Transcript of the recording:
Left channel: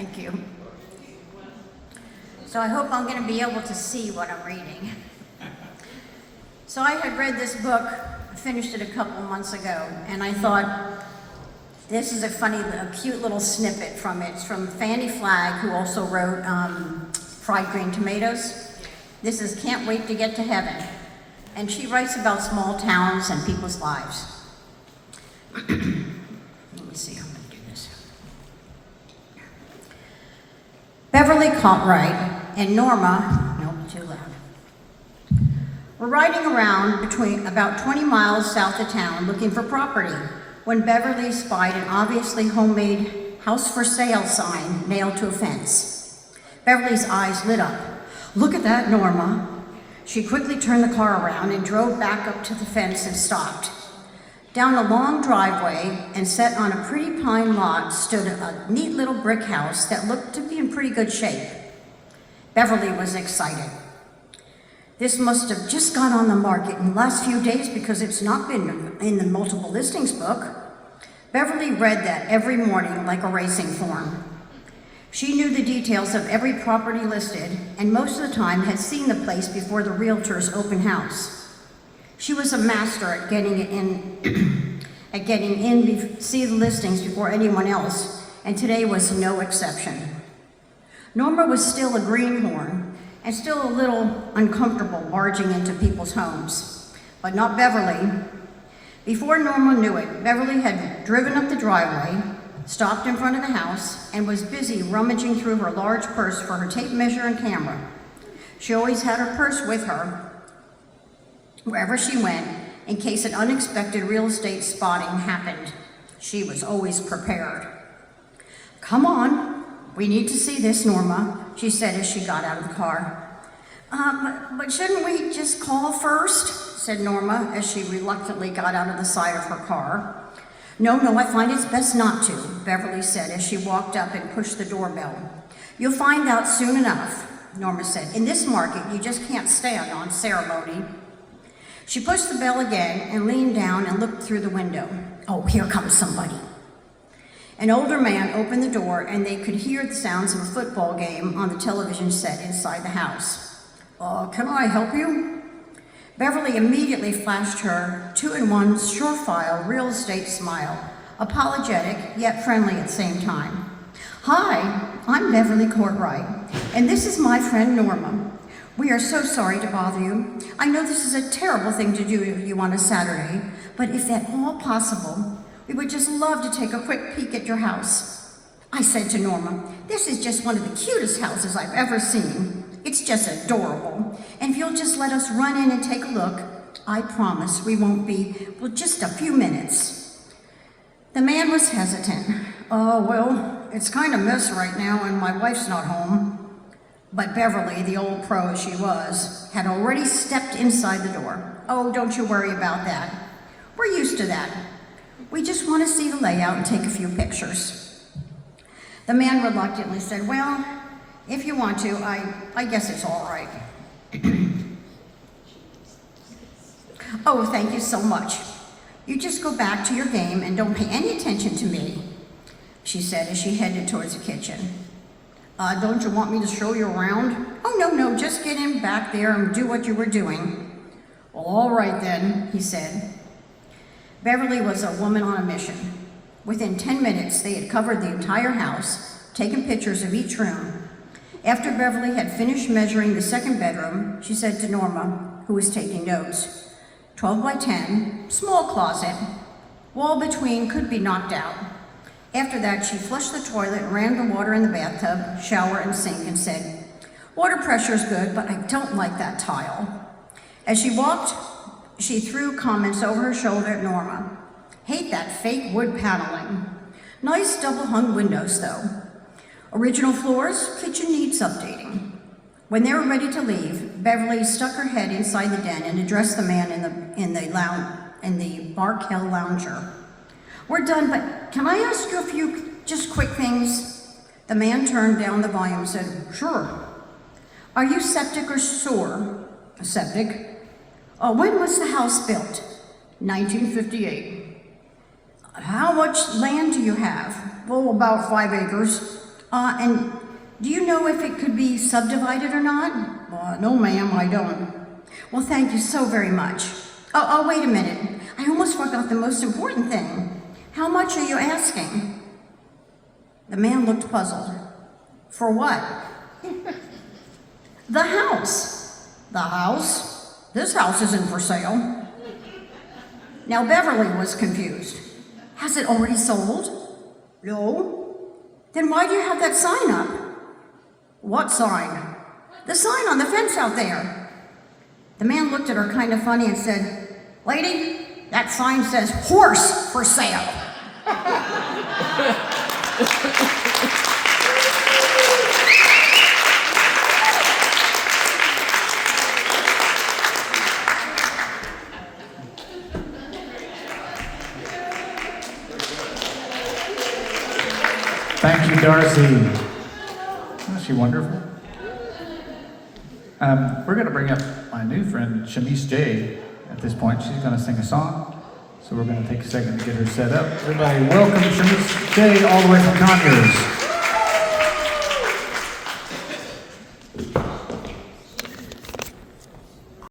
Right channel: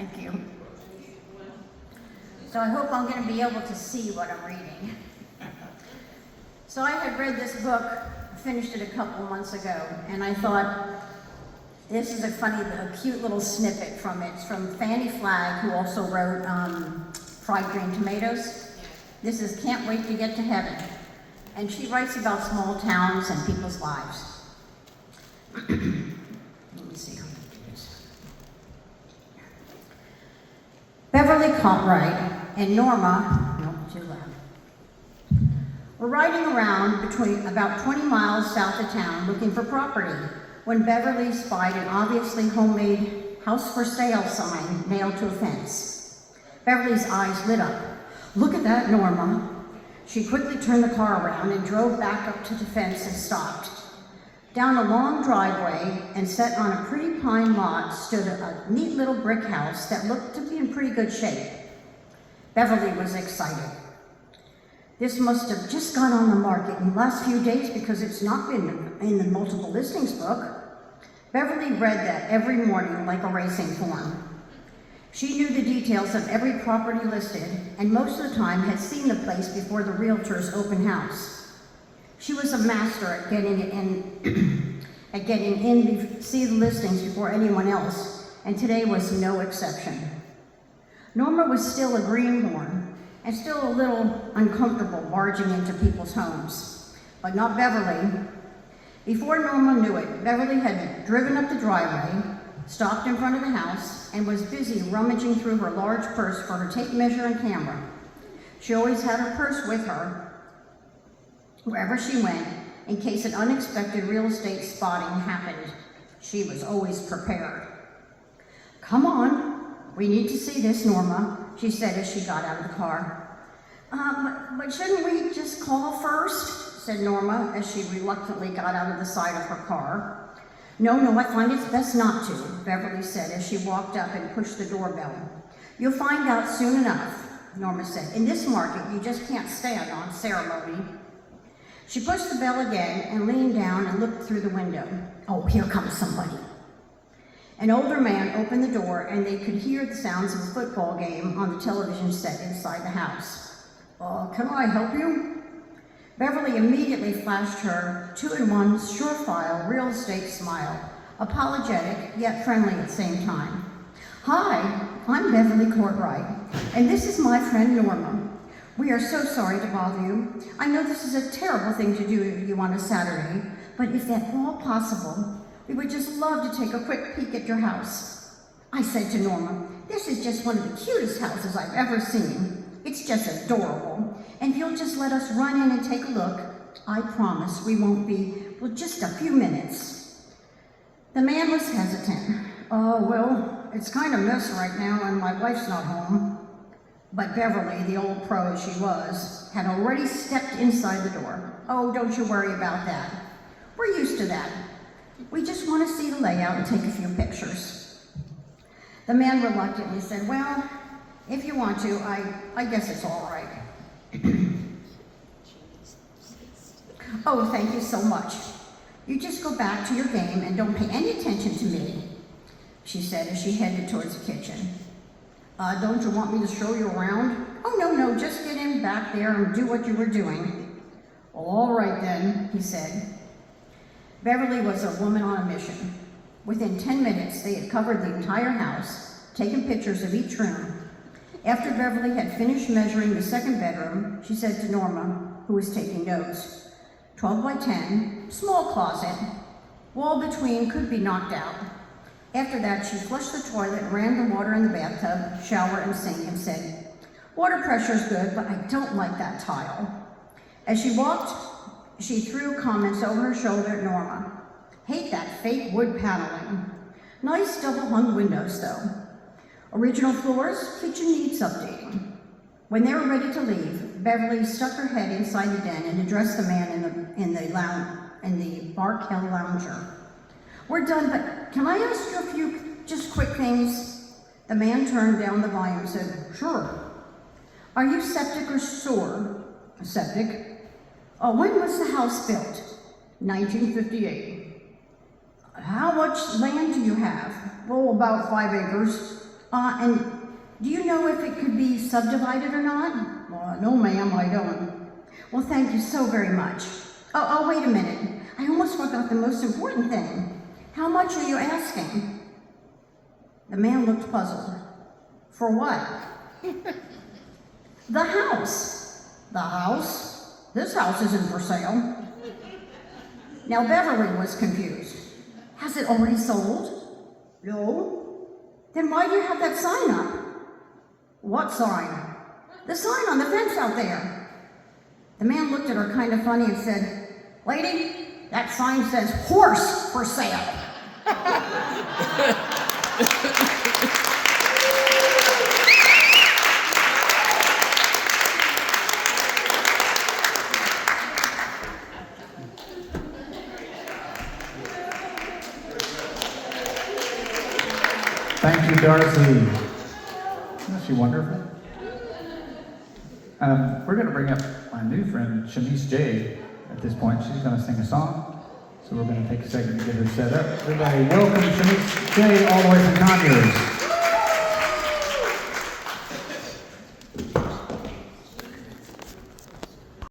Thank you. So I hope I'm going to be able to see what I'm reading. So I had read this book, finished it a couple months ago, and I thought, this is a cute little snippet from it. It's from Fannie Flagg, who also wrote Fried Green Tomatoes. This is Can't Wait to Get to Heaven. And she writes about small towns and people's lives. Let me see how I'm going to do this. Beverly Cartwright and Norma, too loud. We're riding around between about 20 miles south of town looking for property when Beverly spied an obviously homemade house for sale sign nailed to a fence. Beverly's eyes lit up. Look at that, Norma. She quickly turned the car around and drove back up to the fence and stopped. Down a long driveway and set on a pretty pine lot stood a neat little brick house that looked to be in pretty good shape. Beverly was excited. This must have just gone on the market in the last few days because it's not been in the multiple listings book. Beverly read that every morning like a racing form. She knew the details of every property listed and most of the time had seen the place before the realtor's open house. She was a master at getting in, see the listings before anyone else, and today was no exception. Norma was still a greenhorn and still a little uncomfortable barging into people's homes, but not Beverly. Before Norma knew it, Beverly had driven up the driveway, stopped in front of the house, and was busy rummaging through her large purse for her tape measure and camera. She always had her purse with her wherever she went in case an unexpected real estate spotting happened. She was always prepared. Come on, we need to see this, Norma, she said as she got out of the car. But shouldn't we just call first? Said Norma as she reluctantly got out of the side of her car. No, I find it's best not to, Beverly said as she walked up and pushed the doorbell. You'll find out soon enough, Norma said. In this market, you just can't stand on ceremony. She pushed the bell again and leaned down and looked through the window. Oh, here comes somebody. An older man opened the door and they could hear the sounds of a football game on the television set inside the house. Can I help you? Beverly immediately flashed her 2-in-1 surefire real estate smile, apologetic yet friendly at the same time. Hi, I'm Beverly Cartwright, and this is my friend Norma. We are so sorry to bother you. I know this is a terrible thing to do to you on a Saturday, but if at all possible, we would just love to take a quick peek at your house. I said to Norma, this is just one of the cutest houses I've ever seen. It's just adorable. And if you'll just let us run in and take a look, I promise we won't be, just a few minutes. The man was hesitant. Well, it's kind of a mess right now and my wife's not home. But Beverly, the old pro she was, had already stepped inside the door. Oh, don't you worry about that. We're used to that. We just want to see the layout and take a few pictures. The man reluctantly said, well, if you want to, I guess it's all right. Oh, thank you so much. You just go back to your game and don't pay any attention to me, she said as she headed towards the kitchen. Don't you want me to show you around? Oh, no, just get in back there and do what you were doing. All right then, he said. Beverly was a woman on a mission. Within 10 minutes, they had covered the entire house, taken pictures of each room. After Beverly had finished measuring the second bedroom, she said to Norma, who was taking notes, 12 by 10, small closet, wall between could be knocked out. After that, she flushed the toilet, ran the water in the bathtub, shower, and sink, and said, water pressure's good, but I don't like that tile. As she walked, she threw comments over her shoulder at Norma. Hate that fake wood paneling. Nice double-hung windows, though. Original floors, kitchen needs updating. When they were ready to leave, Beverly stuck her head inside the den and addressed the man in the Bark Hill lounger. We're done, but can I ask you a few just quick things? The man turned down the volume and said, sure. Are you septic or sewer? Septic. When was the house built? 1958. How much land do you have? Oh, about 5 acres. And do you know if it could be subdivided or not? No, ma'am, I don't. Well, thank you so very much. Oh, wait a minute. I almost forgot the most important thing. How much are you asking? The man looked puzzled. For what? The house. The house? This house isn't for sale. Now Beverly was confused. Has it already sold? No. Then why do you have that sign up? What sign? The sign on the fence out there. The man looked at her kind of funny and said, "Lady, that sign says horse for sale." Thank you, Darcy. Isn't she wonderful? We're going to bring up my new friend, Shamice J, at this point. She's going to sing a song, so we're going to take a second to get her set up. Everybody, welcome Shamice J, all the way from Conyers.